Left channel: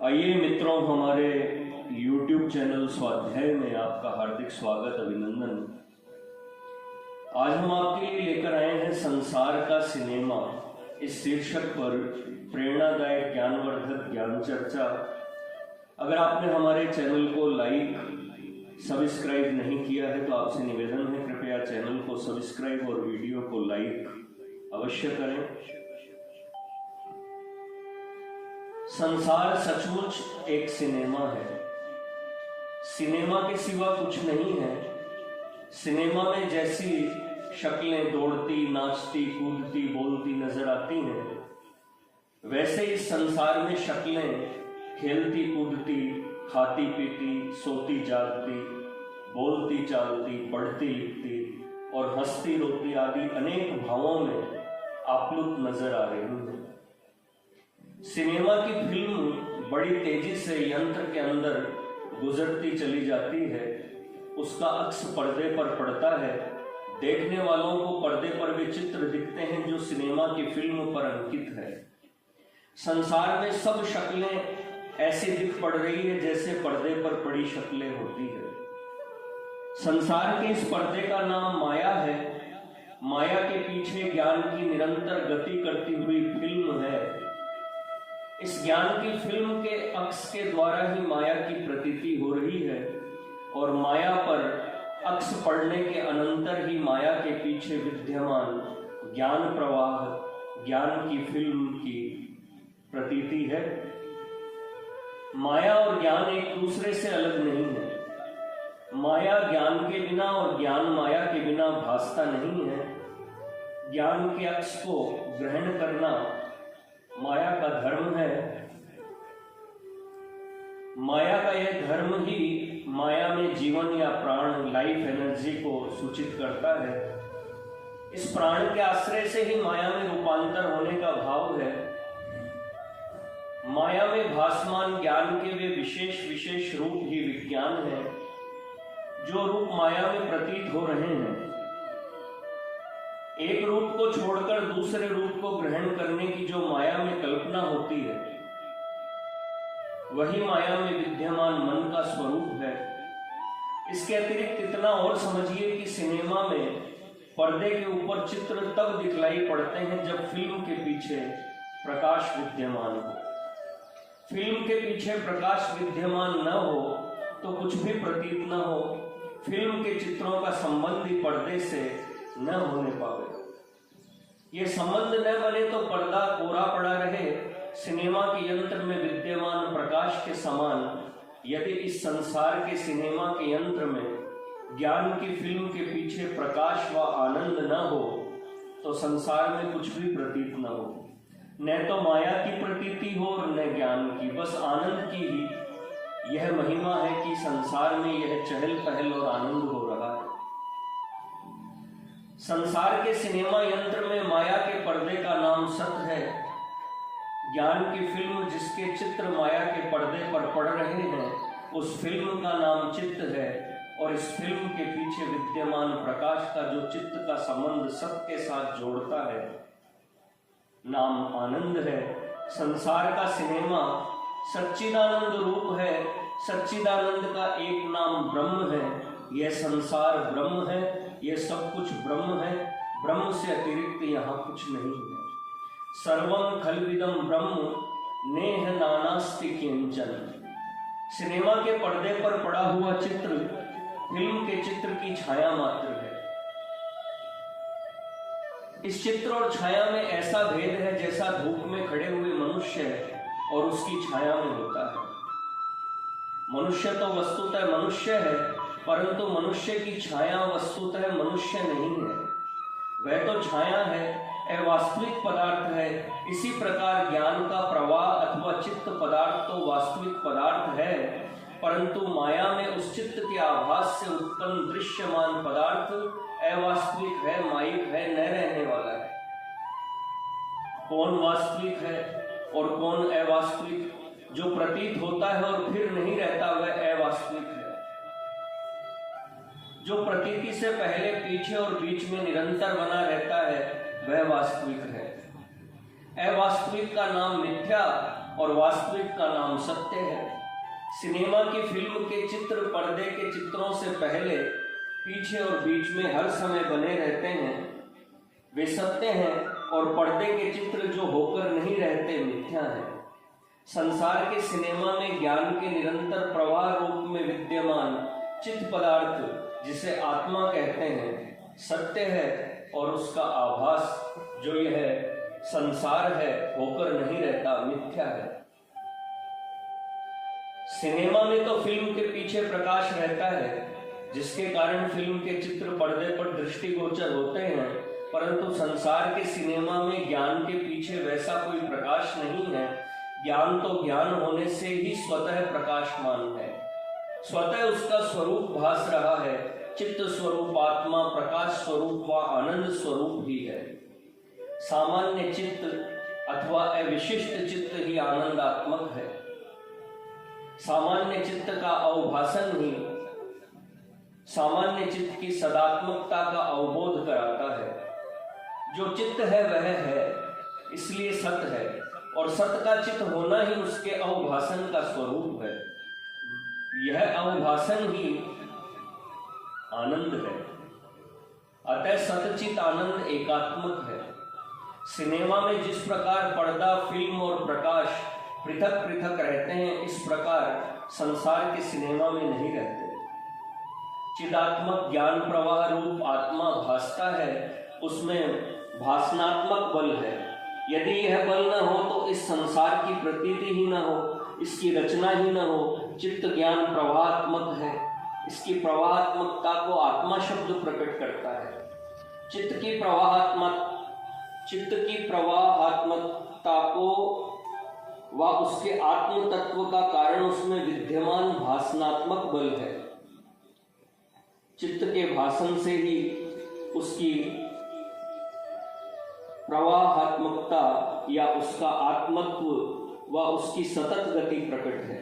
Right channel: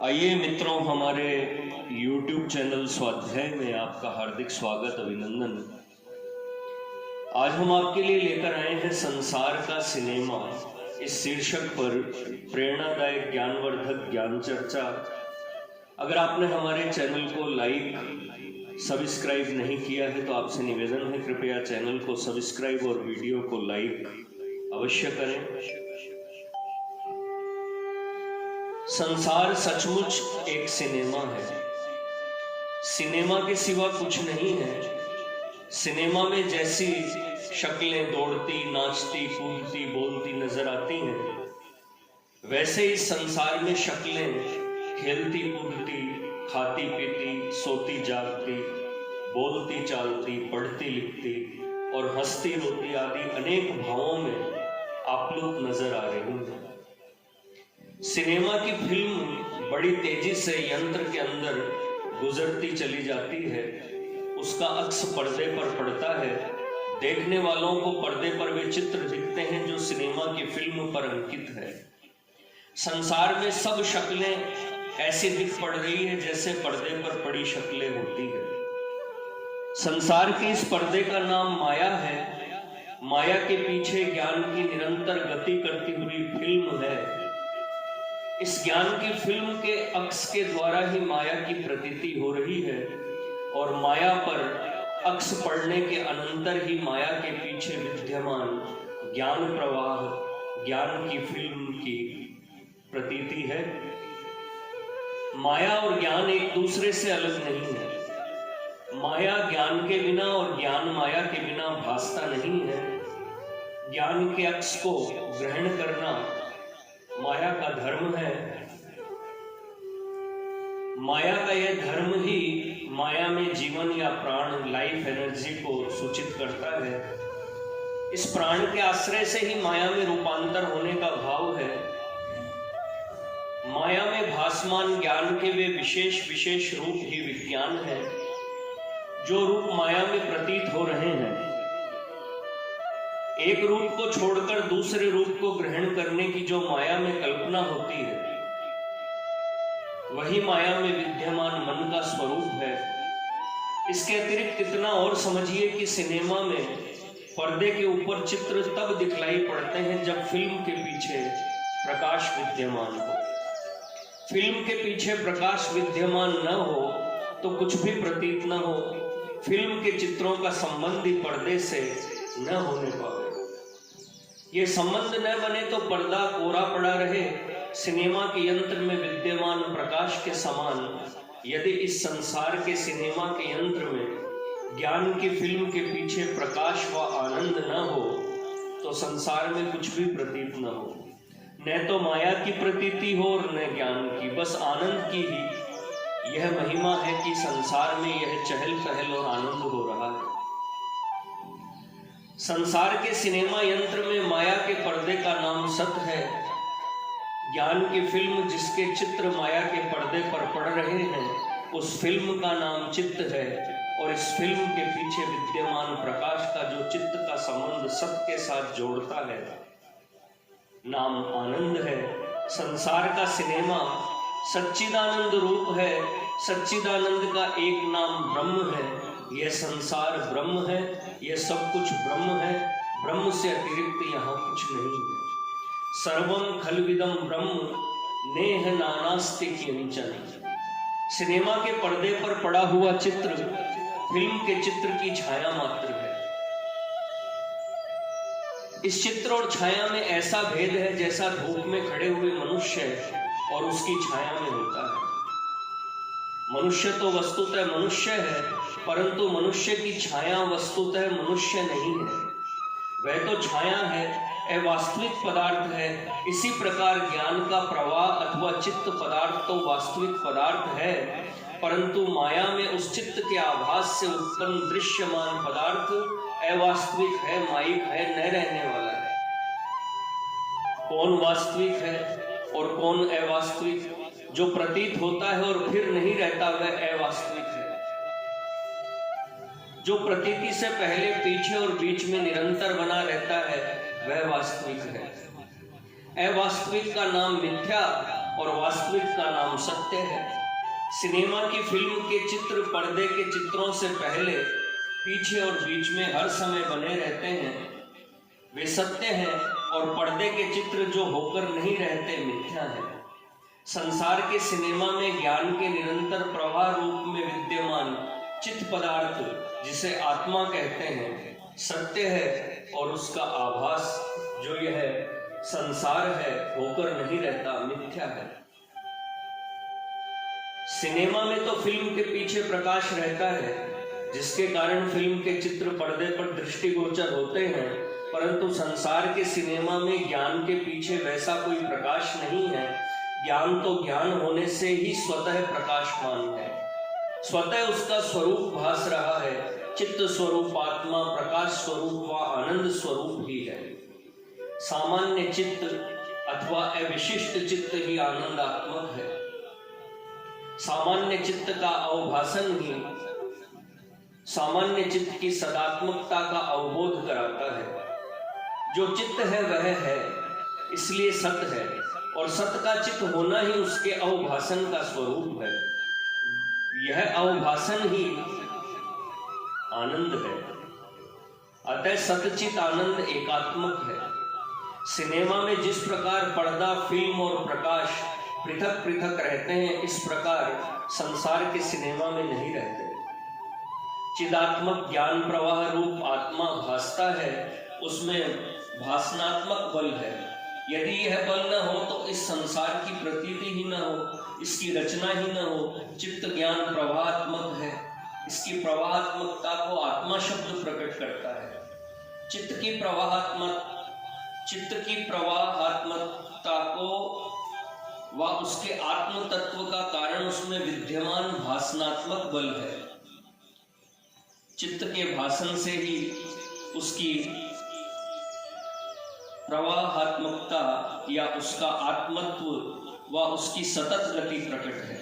आइए मित्रों, हमारे YouTube चैनल स्वाध्याय में आपका हार्दिक स्वागत, अभिनंदन। आज हम आपके लिए लेकर आए हैं संसार का सिनेमा इस शीर्षक पर प्रेरणादायक ज्ञानवर्धक ज्ञान चर्चा। अगर आपने हमारे चैनल को लाइक सब्सक्राइब नहीं किया है तो आपसे निवेदन है, कृपया चैनल को सब्सक्राइब और वीडियो को लाइक अवश्य करें। संसार सचमुच एक सिनेमा है। सिनेमा के सिवा कुछ नहीं है। सिनेमा में जैसी शक्लें दौड़ती, नाचती, कूदती, बोलती नजर आती हैं, वैसे इस संसार में शक्लें खेलती, कूदती, खाती, पीती, सोती, जागती, बोलती, चालती, पढ़ती, लिखती और हंसती, रोती आदि अनेक भावों में आप्लुत नजर आ रही हैं। सिनेमा की फिल्म बड़ी तेजी से यंत्र के अंदर गुजरती चली जाती है। उसका अक्स पर्दे पर पड़ता है। देखने वालों को पर्दे पर वे चित्र दिखते हैं जो सिनेमा की फिल्म पर अंकित है। संसार में सब शक्लें ऐसी दिख पड़ रही है जैसे पर्दे पर पड़ी शक्लें होती है। संसार के इस पर्दे का नाम माया है। माया के पीछे ज्ञान की निरंतर गति करती हुई फिल्म है। इस ज्ञान की फिल्म के अक्स के द्वारा ही माया की प्रतीति हो रही है और माया पर अक्स पड़ने के अनंतर ही माया के पीछे विद्यमान ज्ञान प्रवाह, ज्ञान की फिल्म की प्रतीति है। माया और ज्ञान एक दूसरे से अलग नहीं है। माया ज्ञान के बिना और ज्ञान माया के बिना भासता नहीं है। ज्ञान के अक्स को ग्रहण करना माया का धर्म है। माया का यह धर्म ही माया में जीवन या प्राण, लाइफ एनर्जी को सूचित करता है। इस प्राण के आश्रय से ही माया में रूपांतर होने का भाव है। माया में भासमान ज्ञान के वे विशेष विशेष रूप ही विज्ञान है, जो रूप माया में प्रतीत हो रहे हैं। एक रूप को छोड़कर दूसरे रूप को ग्रहण करने की जो माया में कल्पना होती है, वही माया में विद्यमान मन का स्वरूप है। इसके अतिरिक्त इतना और समझिए कि सिनेमा में पर्दे के ऊपर चित्र तब दिखलाई पड़ते हैं जब फिल्म के पीछे प्रकाश विद्यमान हो। फिल्म के पीछे प्रकाश विद्यमान न हो तो कुछ भी प्रतीत न हो। फिल्म के चित्रों का संबंध ही पर्दे से न होने पावे। ये संबंध न बने तो पर्दा कोरा पड़ा रहे। सिनेमा के यंत्र में विद्यमान प्रकाश के समान यदि इस संसार के सिनेमा के यंत्र में ज्ञान की फिल्म के पीछे प्रकाश व आनंद न हो तो संसार में कुछ भी प्रतीत न हो। न तो माया की प्रतीति हो और न ज्ञान की, बस आनंद की ही यह महिमा है कि संसार में यह चहल पहल और आनंद हो रहा है। संसार के सिनेमा यंत्र में माया के पर्दे का नाम सत है। ज्ञान की फिल्म जिसके चित्र माया के पर्दे पर पड़ रहे हैं, उस फिल्म का नाम चित्त है और इस फिल्म के पीछे विद्यमान प्रकाश का जो चित्त का संबंध सत के साथ जोड़ता है, नाम आनंद है। संसार का सिनेमा सच्चिदानंद रूप है। सच्चिदानंद का एक नाम ब्रह्म है। यह संसार ब्रह्म है, यह सब कुछ ब्रह्म है। ब्रह्म से अतिरिक्त यहाँ कुछ नहीं है। सर्वम खलविदम ब्रह्म नेह नानास्ति किंचन। सिनेमा के पर्दे पर पड़ा हुआ चित्र फिल्म के चित्र की छाया मात्र है। इस चित्र और छाया में ऐसा भेद है जैसा धूप में खड़े हुए मनुष्य और उसकी छाया में होता है। मनुष्य तो वस्तुतः मनुष्य है, परंतु मनुष्य की छाया वस्तुतः मनुष्य नहीं है। वह तो छाया है, अवास्तविक पदार्थ है। इसी प्रकार ज्ञान का प्रवाह अथवा चित्त पदार्थ तो वास्तविक पदार्थ है, परंतु माया में उस चित्त के आभास से उत्पन्न दृश्यमान पदार्थ अवास्तविक है, माइक है, न रहने वाला है। कौन वास्तविक है और कौन अवास्तविक? जो प्रतीत होता है और फिर नहीं रहता वह अवास्तविक है। जो प्रतीति से पहले, पीछे और बीच में निरंतर बना रहता है वह वास्तविक है। अवास्तविक का नाम मिथ्या और वास्तविक का नाम सत्य है। सिनेमा की फिल्म के चित्र पर्दे के चित्रों से पहले, पीछे और बीच में हर समय बने रहते हैं, वे सत्य हैं, और पर्दे के चित्र जो होकर नहीं रहते मिथ्या हैं। संसार के सिनेमा में ज्ञान के निरंतर प्रवाह रूप में विद्यमान चित्त पदार्थ, जिसे आत्मा कहते हैं, सत्य है, और उसका आभास जो यह संसार है होकर नहीं रहता मिथ्या है। सिनेमा में तो फिल्म के पीछे प्रकाश रहता है, जिसके कारण फिल्म के चित्र पर्दे पर दृष्टिगोचर होते हैं, परंतु संसार के सिनेमा में ज्ञान के पीछे वैसा कोई प्रकाश नहीं है। ज्ञान तो ज्ञान होने से ही स्वतः प्रकाशमान है, स्वतः उसका स्वरूप भास रहा है। चित्त स्वरूप आत्मा प्रकाश स्वरूप व आनंद स्वरूप ही है। सामान्य चित्त अथवा अविशिष्ट चित्त ही आनंदात्मक है। सामान्य चित्त का अवभासन ही सामान्य चित्त की सदात्मकता का अवबोध कराता है। जो चित्त है वह है, इसलिए सत है, और सत का चित्त होना ही उसके अवभासन का स्वरूप है। यह अवभासन ही आनंद है। अतः सतचित आनंद एकात्मक है। सिनेमा में जिस प्रकार पर्दा, फिल्म और प्रकाश पृथक पृथक रहते हैं, इस प्रकार संसार के सिनेमा में नहीं रहते। चिदात्मक ज्ञान प्रवाह रूप आत्मा भासता है, उसमें भासनात्मक बल है। यदि यह बल न हो तो इस संसार की प्रतीति ही न हो, इसकी रचना ही न हो। चित्त ज्ञान प्रवाहात्मक है, इसकी प्रवाहात्मकता को आत्मा शब्द प्रकट करता है। चित्त की प्रवाहात्मकता को व उसके आत्म तत्व का कारण उसमें विद्यमान भासनात्मक बल है। चित्त के भासन से ही उसकी प्रवाहात्मकता या उसका आत्मत्व व उसकी सतत गति प्रकट है।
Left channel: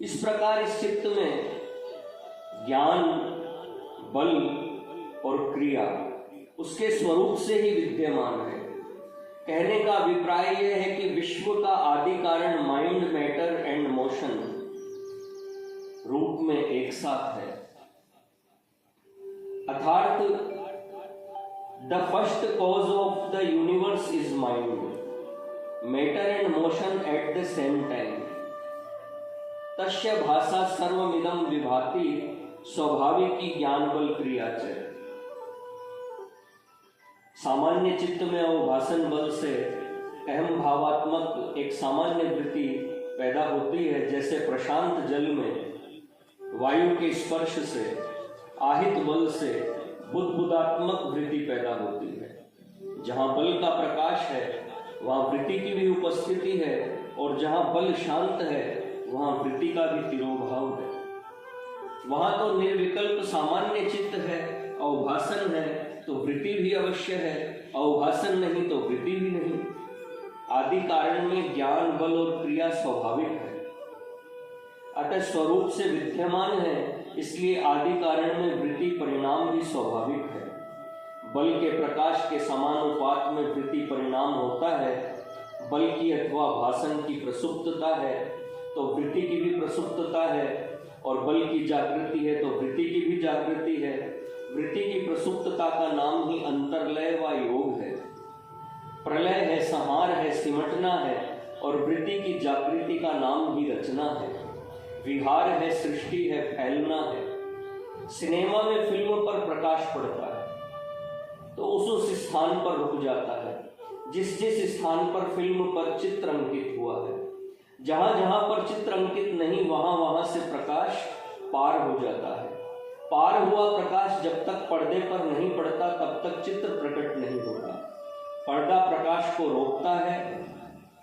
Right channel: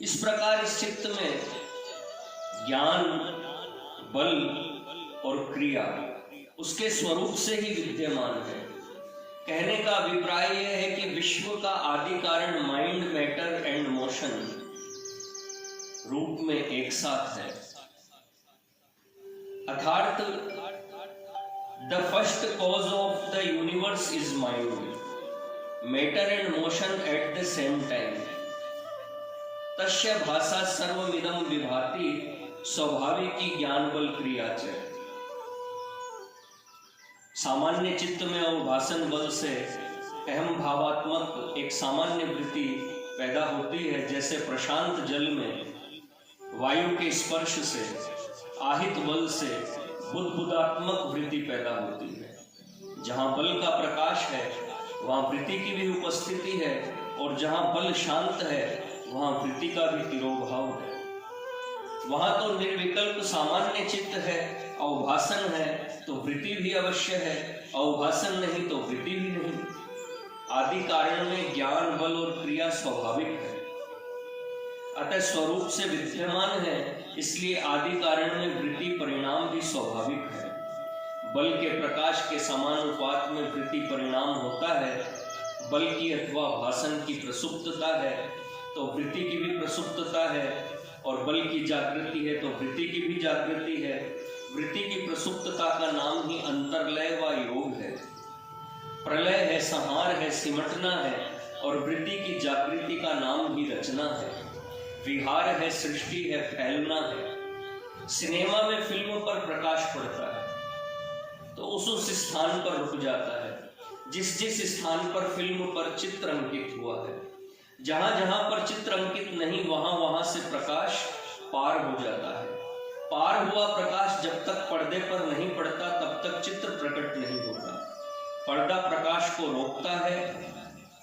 इस प्रकार इस चित्त में ज्ञान, बल और क्रिया उसके स्वरूप से ही विद्यमान है। कहने का अभिप्राय यह है कि विश्व का आदि कारण माइंड, मैटर एंड मोशन रूप में एक साथ है। अर्थात the first cause of the universe is mind, matter and motion at the same time. तस्य भाषा सर्वमिदं विभाति स्वाभाविकी ज्ञान बल क्रिया च। सामान्य चित्त में अवभासन बल से अहम भावात्मक एक सामान्य वृत्ति पैदा होती है। जैसे प्रशांत जल में वायु के स्पर्श से आहित बल से बुद्बुदात्मक वृत्ति पैदा होती है। जहाँ बल का प्रकाश है वहाँ वृत्ति की भी उपस्थिति है, और जहाँ बल शांत है वहाँ वृत्ति का भी तिरोभाव है। वहाँ तो निर्विकल्प सामान्य चित्त है, अवभासन है तो वृत्ति भी अवश्य है, अवभासन नहीं तो वृत्ति भी नहीं। आदि कारण में ज्ञान, बल और क्रिया स्वाभाविक है, अतः स्वरूप से विद्यमान है, इसलिए आदि कारण में वृत्ति परिणाम भी स्वाभाविक है। बल के प्रकाश के समानुपात में वृत्ति परिणाम होता है। बल की अथवा भासन की प्रसुप्तता है तो वृत्ति की भी प्रसुप्तता है, और बल की जागृति है तो वृत्ति की भी जागृति है। वृत्ति की प्रसुप्तता का नाम ही अंतर्लय व योग है। प्रलय है, संहार है, सिमटना है, और वृत्ति की जागृति का नाम ही रचना है। विहार है, सृष्टि है, फैलना है। सिनेमा में फिल्म पर प्रकाश पड़ता है तो उस स्थान पर रुक जाता है जिस स्थान पर फिल्म पर चित्र अंकित हुआ है। जहां जहां पर चित्र अंकित नहीं, वहां वहां से प्रकाश पार हो जाता है। पार हुआ प्रकाश जब तक पर्दे पर नहीं पड़ता तब तक चित्र प्रकट नहीं होता। पर्दा प्रकाश को रोकता है,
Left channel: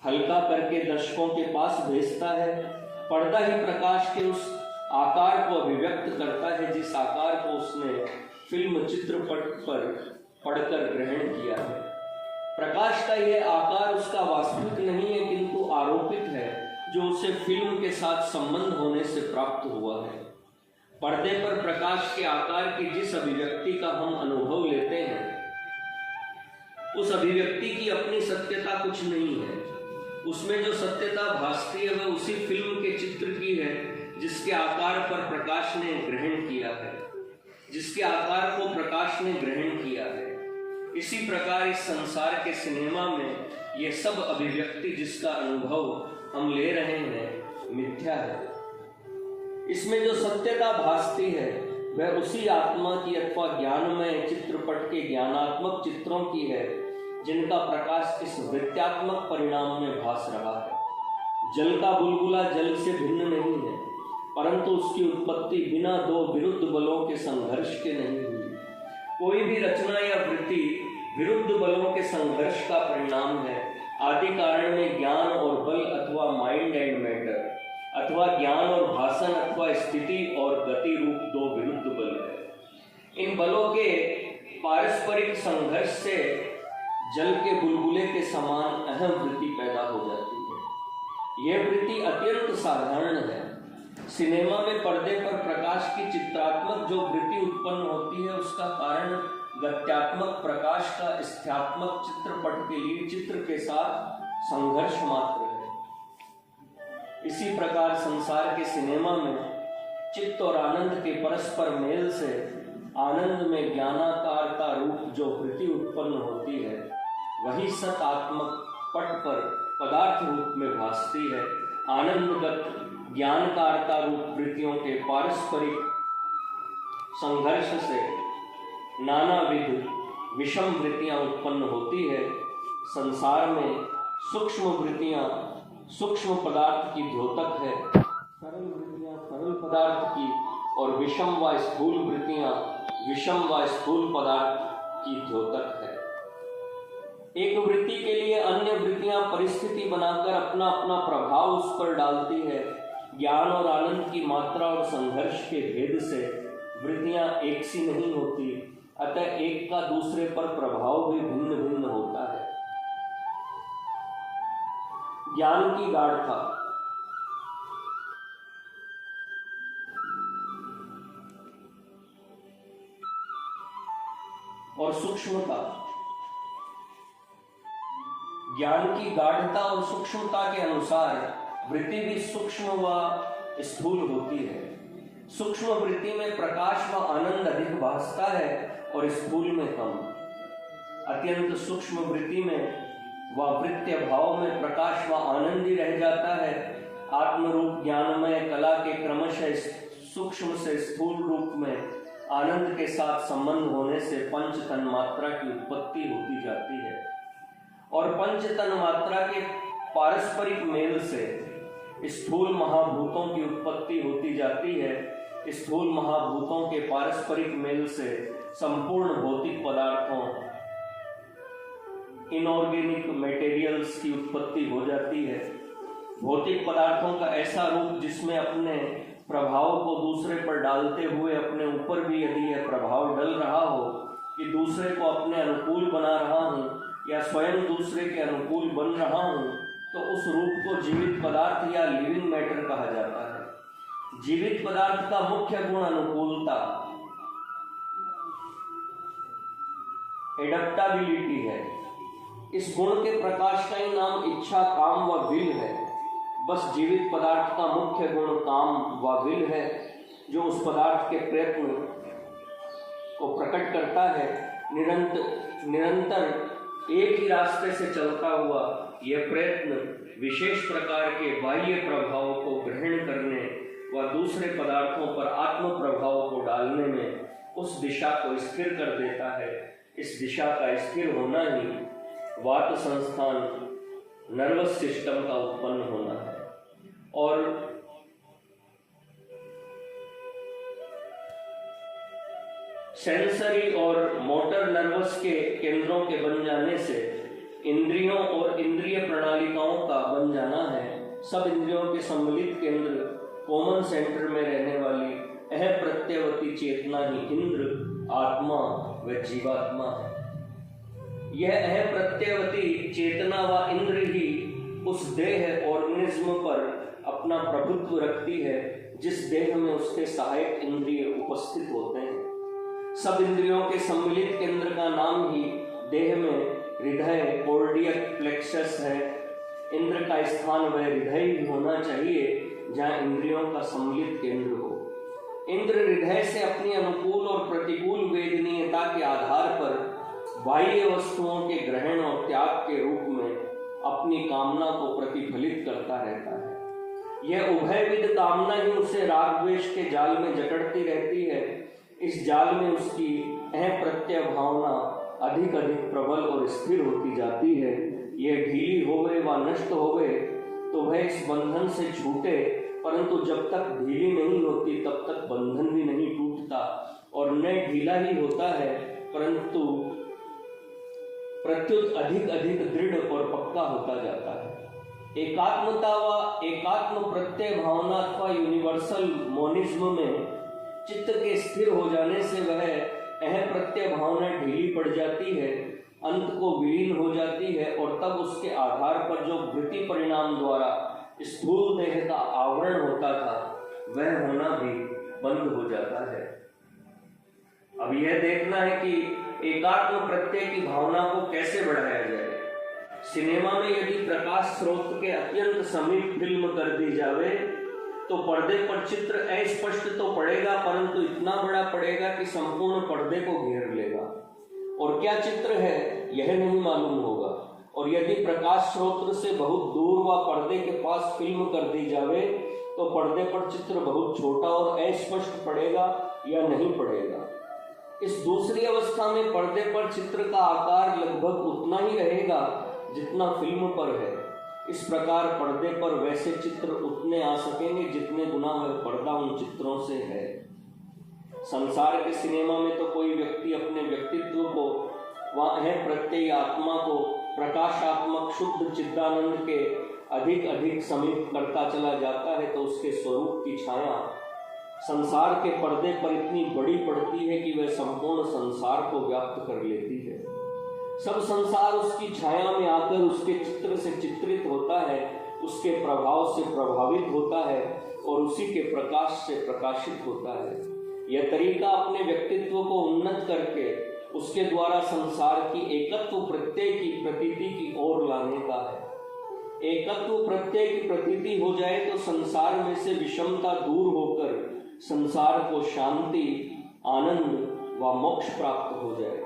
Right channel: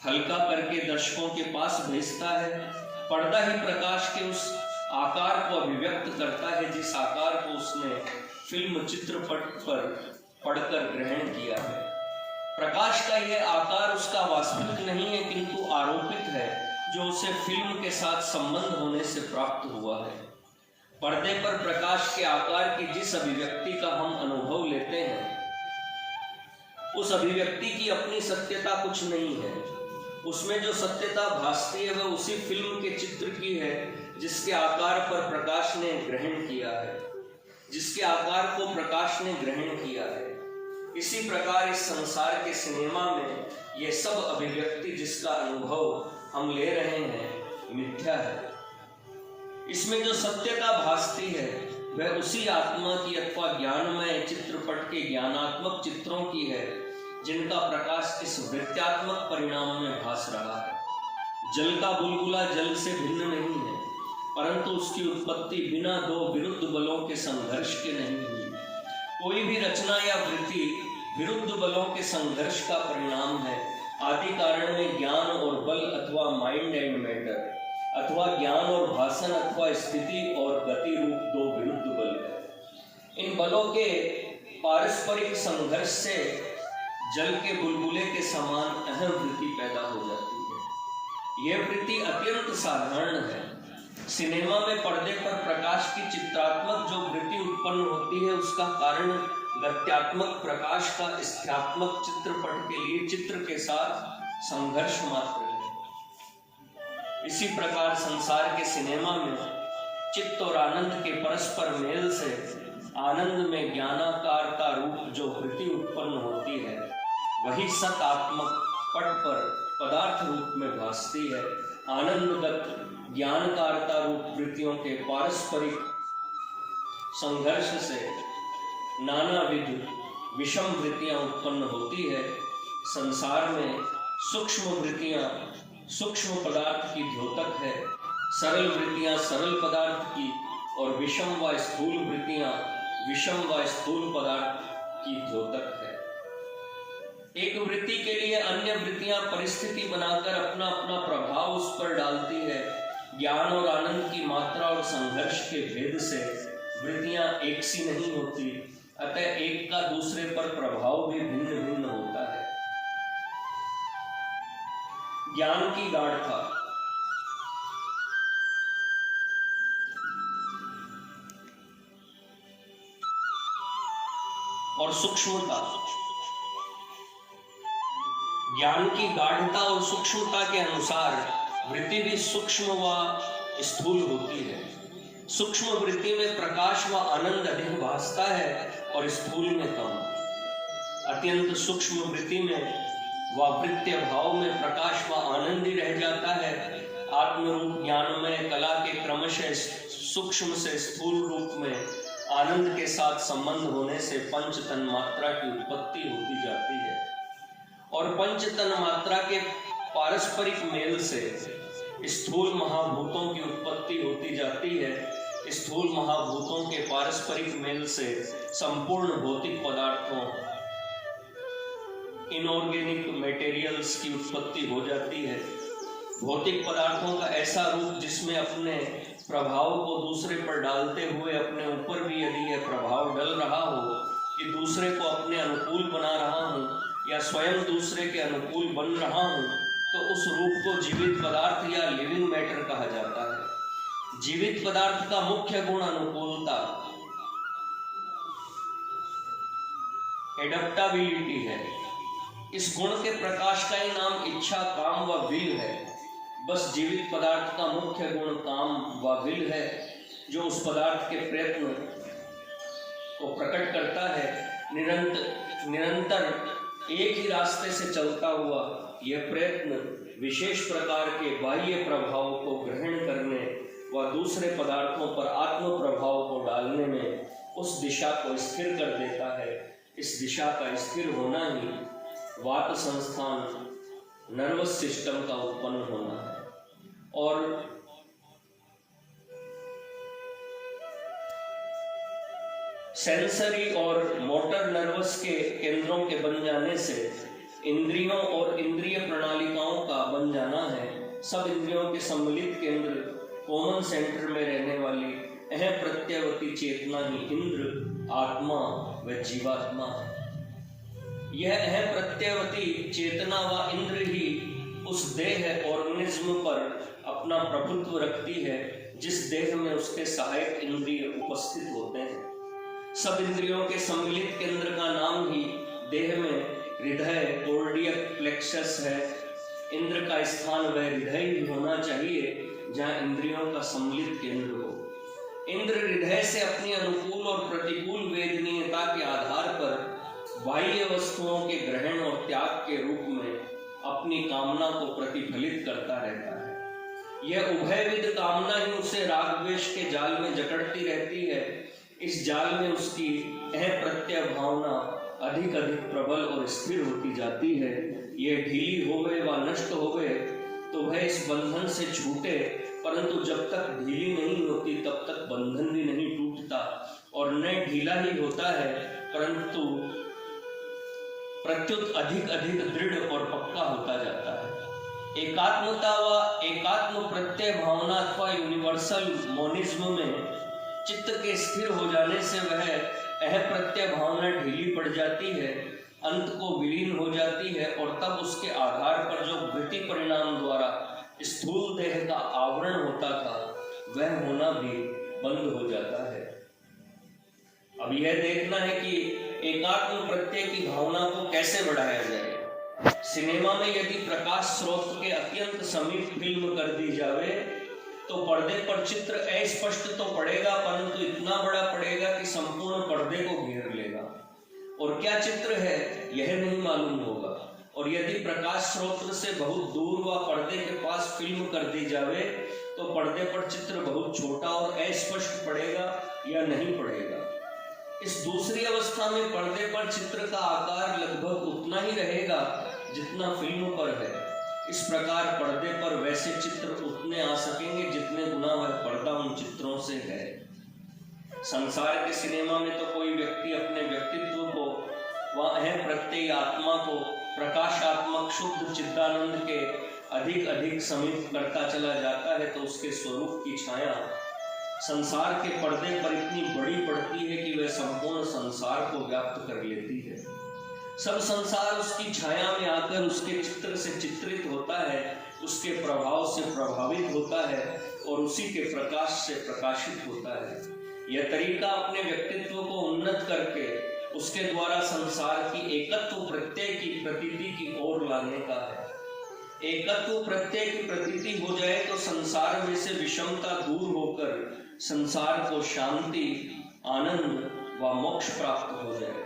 हल्का करके दर्शकों के पास भेजता है। पर्दा ही प्रकाश के उस आकार को अभिव्यक्त करता है जिस आकार को उसने फिल्म चित्रपट पर पढ़कर ग्रहण किया है। प्रकाश का यह आकार उसका वास्तविक नहीं है, किंतु आरोपित है, जो उसे फिल्म के साथ संबंध होने से प्राप्त हुआ है। पर्दे पर प्रकाश के आकार की जिस अभिव्यक्ति का हम अनुभव लेते हैं, उस अभिव्यक्ति की अपनी सत्यता कुछ नहीं है। उसमें जो सत्यता भासती है वह उसी फिल्म के चित्र की है जिसके आकार पर प्रकाश ने ग्रहण किया है, जिसके आकार को प्रकाश ने ग्रहण किया है। इसी प्रकार इस संसार के सिनेमा में ये सब अभिव्यक्ति जिसका अनुभव हम ले रहे हैं मिथ्या है। इसमें जो सत्यता भासती है वह उसी आत्मा की अथवा ज्ञानमय चित्रपट के ज्ञानात्मक चित्रों की है जिनका प्रकाश इस वृत्त्यात्मक परिणाम में भास रहा है। जल का बुलबुला जल से भिन्न नहीं है, परंतु उसकी उत्पत्ति बिना दो विरुद्ध बलों के संघर्ष के नहीं हुई। कोई भी रचना या वृत्ति विरुद्ध बलों के संघर्ष का परिणाम है। आदि कारण में ज्ञान और बल अथवा माइंड एंड मैटर, अथवा ज्ञान और भाषण अथवा स्थिति और गति रूप दो विरुद्ध बल है। इन बलों के पारस्परिक संघर्ष से जल के बुलबुले के समान अहम वृत्ति पैदा हो जाती है। यह वृत्ति अत्यंत साधारण है। सिनेमा में पर्दे पर प्रकाश की चित्रात्मक जो वृत्ति उत्पन्न होती है उसका कारण गत्यात्मक प्रकाश का स्थित्यात्मक चित्रपट के लिए चित्र के साथ संघर्ष मात्र है। इसी प्रकार संसार के सिनेमा में चित्त और आनंद के परस्पर मेल से आनंद में ज्ञानाकारता रूप जो वृत्ति उत्पन्न होती है वही सतात्मक पट पर पदार्थ रूप में भासती है। आनंदगत ज्ञानकारता रूप वृत्तियों के पारस्परिक संघर्ष से नानाविध विषम वृत्तियां उत्पन्न होती है। संसार में सूक्ष्म वृत्तियां सूक्ष्म पदार्थ की द्योतक है, सरल वृत्तियां सरल पदार्थ की और विषम व स्थूल वृत्तियां विषम व स्थूल पदार्थ की द्योतक है। एक वृत्ति के लिए अन्य वृत्तियां परिस्थिति बनाकर अपना अपना प्रभाव उस पर डालती है। ज्ञान और आनंद की मात्रा और संघर्ष के भेद से वृत्तियां एक सी नहीं होती, अतः एक का दूसरे पर प्रभाव भी भिन्न भिन्न होता है। ज्ञान की गाढ़ता और सूक्ष्मता, ज्ञान की गाढ़ता और सूक्ष्मता के अनुसार वृत्ति भी सूक्ष्म व स्थूल होती है। सूक्ष्म वृत्ति में प्रकाश व आनंद अधिक भासता है और स्थूल में कम। अत्यंत सूक्ष्म वृत्ति में व वृत्तीय भाव में प्रकाश व आनंद ही रह जाता है। आत्मरूप ज्ञानमय कला के क्रमशः सूक्ष्म से स्थूल रूप में आनंद के साथ संबंध होने से पंच तन मात्रा की उत्पत्ति होती जाती है और पंच तन मात्रा के पारस्परिक मेल से स्थूल महाभूतों की उत्पत्ति होती जाती है। स्थूल महाभूतों के पारस्परिक मेल से संपूर्ण भौतिक पदार्थों इनऑर्गेनिक मटेरियल्स की उत्पत्ति हो जाती है। भौतिक पदार्थों का ऐसा रूप जिसमें अपने प्रभाव को दूसरे पर डालते हुए अपने ऊपर भी यदि यह प्रभाव डल रहा हो कि दूसरे को अपने अनुकूल बना रहा हूँ या स्वयं दूसरे के अनुकूल बन रहा हूँ, तो उस रूप को जीवित पदार्थ या लिविंग मैटर कहा जाता है। जीवित पदार्थ का मुख्य गुण अनुकूलता, एडप्टाबिलिटी है। इस गुण के प्रकाश का ही नाम इच्छा, काम व विल है। बस जीवित पदार्थ का मुख्य गुण काम व विल है जो उस पदार्थ के प्रयत्न को प्रकट करता है। निरंतर एक ही रास्ते से चलता हुआ यह प्रयत्न विशेष प्रकार के बाह्य प्रभाव को ग्रहण करने व दूसरे पदार्थों पर आत्म प्रभाव को डालने में उस दिशा को स्थिर कर देता है। इस दिशा का स्थिर होना ही वात संस्थान नर्वस सिस्टम का उत्पन्न होना है और सेंसरी और मोटर नर्वस के केंद्रों के बन जाने से इंद्रियों और इंद्रिय प्रणालिकाओं का बन जाना है। सब इंद्रियों के सम्मिलित केंद्र कॉमन सेंटर में रहने वाली अह प्रत्यवती चेतना ही इंद्र, आत्मा व जीवात्मा है। यह अह प्रत्यवती चेतना व इंद्र ही उस देह ऑर्गेनिज्म पर अपना प्रभुत्व रखती है जिस देह में उसके सहायक इंद्रिय उपस्थित होते हैं। सब इंद्रियों के सम्मिलित केंद्र का नाम ही देह में हृदय कार्डियक प्लेक्सस है। इंद्र का स्थान वह हृदय ही होना चाहिए जहाँ इंद्रियों का सम्मिलित केंद्र हो। इंद्र हृदय से अपनी अनुकूल और प्रतिकूल वेदनीयता के आधार पर बाह्य वस्तुओं के ग्रहण और त्याग के रूप में अपनी कामना को प्रतिफलित करता रहता है। यह उभयविध कामना ही उसे राग द्वेष के जाल में जकड़ती रहती है। इस जाल में उसकी अप्रत्यय भावना अधिक अधिक प्रबल और स्थिर होती जाती है। यह ढीली होवे व नष्ट होवे तो वह इस बंधन से छूटे, परंतु जब तक ढीली नहीं होती तब तक बंधन भी नहीं टूटता और न ढीला ही होता है परंतु प्रत्युत अधिक अधिक दृढ़ और पक्का होता जाता है। एकात्मता व एकात्म प्रत्यय भावना अथवा यूनिवर्सल मोनिज्म में चित्त के स्थिर हो जाने से वह अप्रत्यय भावना ढीली पड़ जाती है, अंत को विलीन हो जाती है और तब उसके आधार पर जो वृत्ति परिणाम द्वारा स्थूल देह का आवरण होता था वह होना भी बंद हो जाता है। अब यह देखना है कि एकात्म प्रत्यय की भावना को कैसे बढ़ाया जाए। सिनेमा में यदि प्रकाश स्रोत के अत्यंत समीप फिल्म कर दी जावे तो पर्दे पर चित्र अस्पष्ट तो पड़ेगा परंतु इतना बड़ा पड़ेगा कि संपूर्ण पर्दे को घेर लेगा और क्या चित्र है यह नहीं मालूम होगा। और यदि प्रकाश स्रोत से बहुत दूर व पर्दे के पास फिल्म कर दी जावे तो पर्दे पर चित्र बहुत छोटा और अस्पष्ट पड़ेगा या नहीं पड़ेगा। इस दूसरी अवस्था में पर्दे पर चित्र का आकार लगभग उतना ही रहेगा जितना फिल्म पर है। इस प्रकार पर्दे पर वैसे चित्र उतने आ सकेंगे जितने गुना वह पर्दा उन चित्रों से है। संसार के सिनेमा में तो कोई व्यक्ति अपने व्यक्तित्व को व प्रत्यय आत्मा को प्रकाशात्मक शुद्ध चिदानंद के अधिक अधिक समीप करता चला जाता है तो उसके स्वरूप की छाया संसार के पर्दे पर इतनी बड़ी पड़ती है कि वह संपूर्ण संसार को व्याप्त कर लेती है। सब संसार उसकी छाया में आकर उसके चित्र से चित्रित होता है, उसके प्रभाव से प्रभावित होता है और उसी के प्रकाश से प्रकाशित होता है। यह तरीका अपने व्यक्तित्व को उन्नत करके उसके द्वारा संसार की एकत्व प्रत्यय की प्रतीति की ओर लाने का है। एकत्व प्रत्यय की प्रतीति हो जाए तो संसार में से विषमता दूर होकर संसार को शांति, आनंद व मोक्ष प्राप्त हो जाए।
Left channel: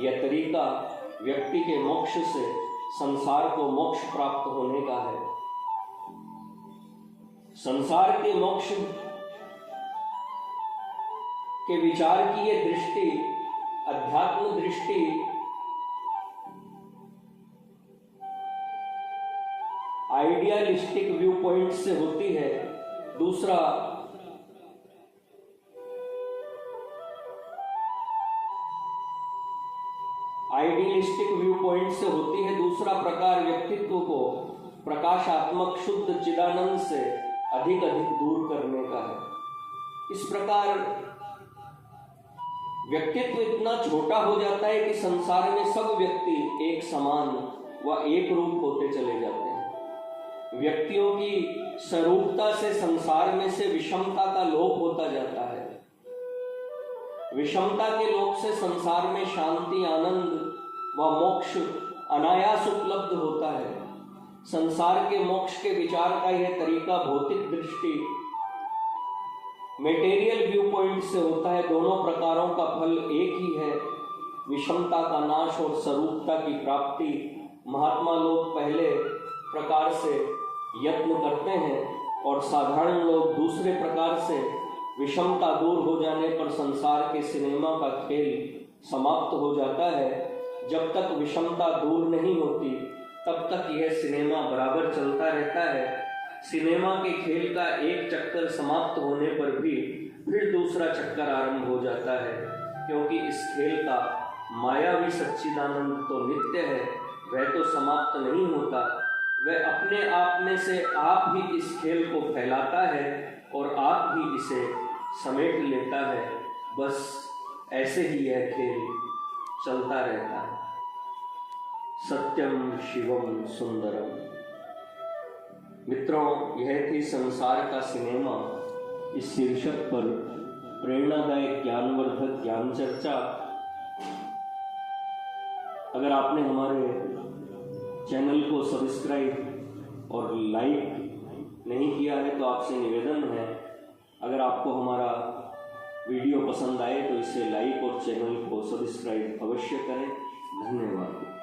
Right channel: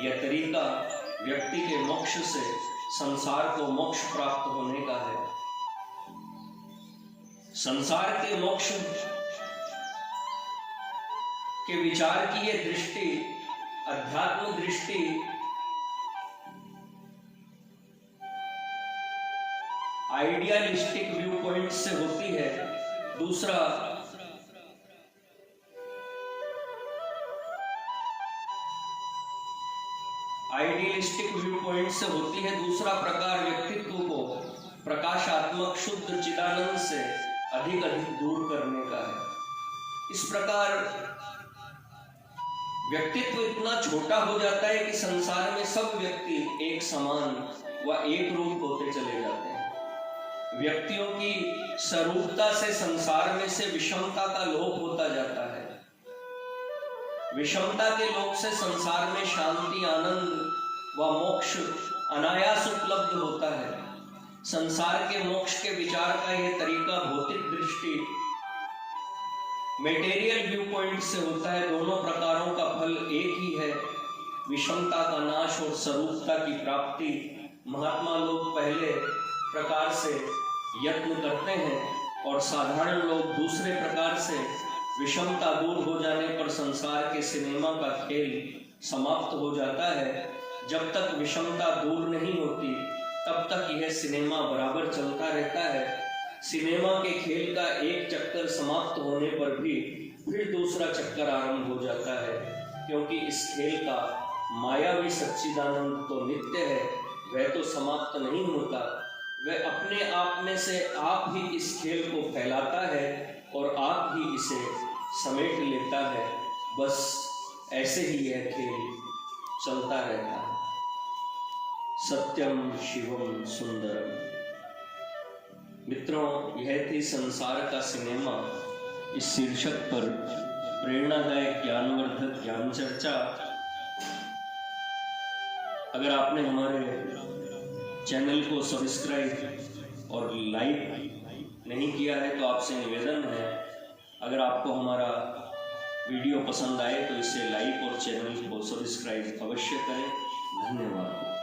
यह तरीका व्यक्ति के मोक्ष से संसार को मोक्ष प्राप्त होने का है। संसार के मोक्ष के विचार की यह दृष्टि अध्यात्म दृष्टि आइडियलिस्टिक व्यू पॉइंट से होती है। दूसरा आइडियलिस्टिक व्यू पॉइंट से होती है। दूसरा प्रकार व्यक्तित्व को प्रकाशात्मक शुद्ध चिदानंद से अधिक अधिक दूर करने का है। इस प्रकार व्यक्तित्व इतना छोटा हो जाता है कि संसार में सब व्यक्ति एक समान व एक रूप होते चले जाते हैं। व्यक्तियों की स्वरूपता से संसार में से विषमता का लोप होता जाता है। विषमता के लोप से संसार में शांति, आनंद व मोक्ष अनायास उपलब्ध होता है। संसार के मोक्ष के विचार का यह तरीका भौतिक दृष्टि मेटेरियल व्यू पॉइंट से होता है। दोनों प्रकारों का फल एक ही है, विषमता का नाश और स्वरूपता की प्राप्ति। महात्मा लोग पहले प्रकार से यत्न करते हैं और साधारण लोग दूसरे प्रकार से। विषमता दूर हो जाने पर संसार के सिनेमा का खेल समाप्त हो जाता है। जब तक विषमता दूर नहीं होती तब तक यह सिनेमा बराबर चलता रहता है। सिनेमा के खेल का एक चक्कर समाप्त होने पर भी फिर दूसरा चक्कर आरंभ हो जाता है, क्योंकि इस खेल का मायावी सच्चिदानंद तो नित्य है, वह तो समाप्त नहीं होता। वह अपने आप में से आप ही इस खेल को फैलाता है और आप ही इसे समेट लेता है। बस ऐसे ही यह खेल चलता रहता है। सत्यम शिवम सुंदरम। मित्रों, यह थी संसार का सिनेमा इस शीर्षक पर प्रेरणादायक ज्ञानवर्धक ज्ञान चर्चा। अगर आपने हमारे चैनल को सब्सक्राइब और लाइक नहीं किया है तो आपसे निवेदन है, अगर आपको हमारा वीडियो पसंद आए तो इसे लाइक और चैनल को सब्सक्राइब अवश्य करें। धन्यवाद।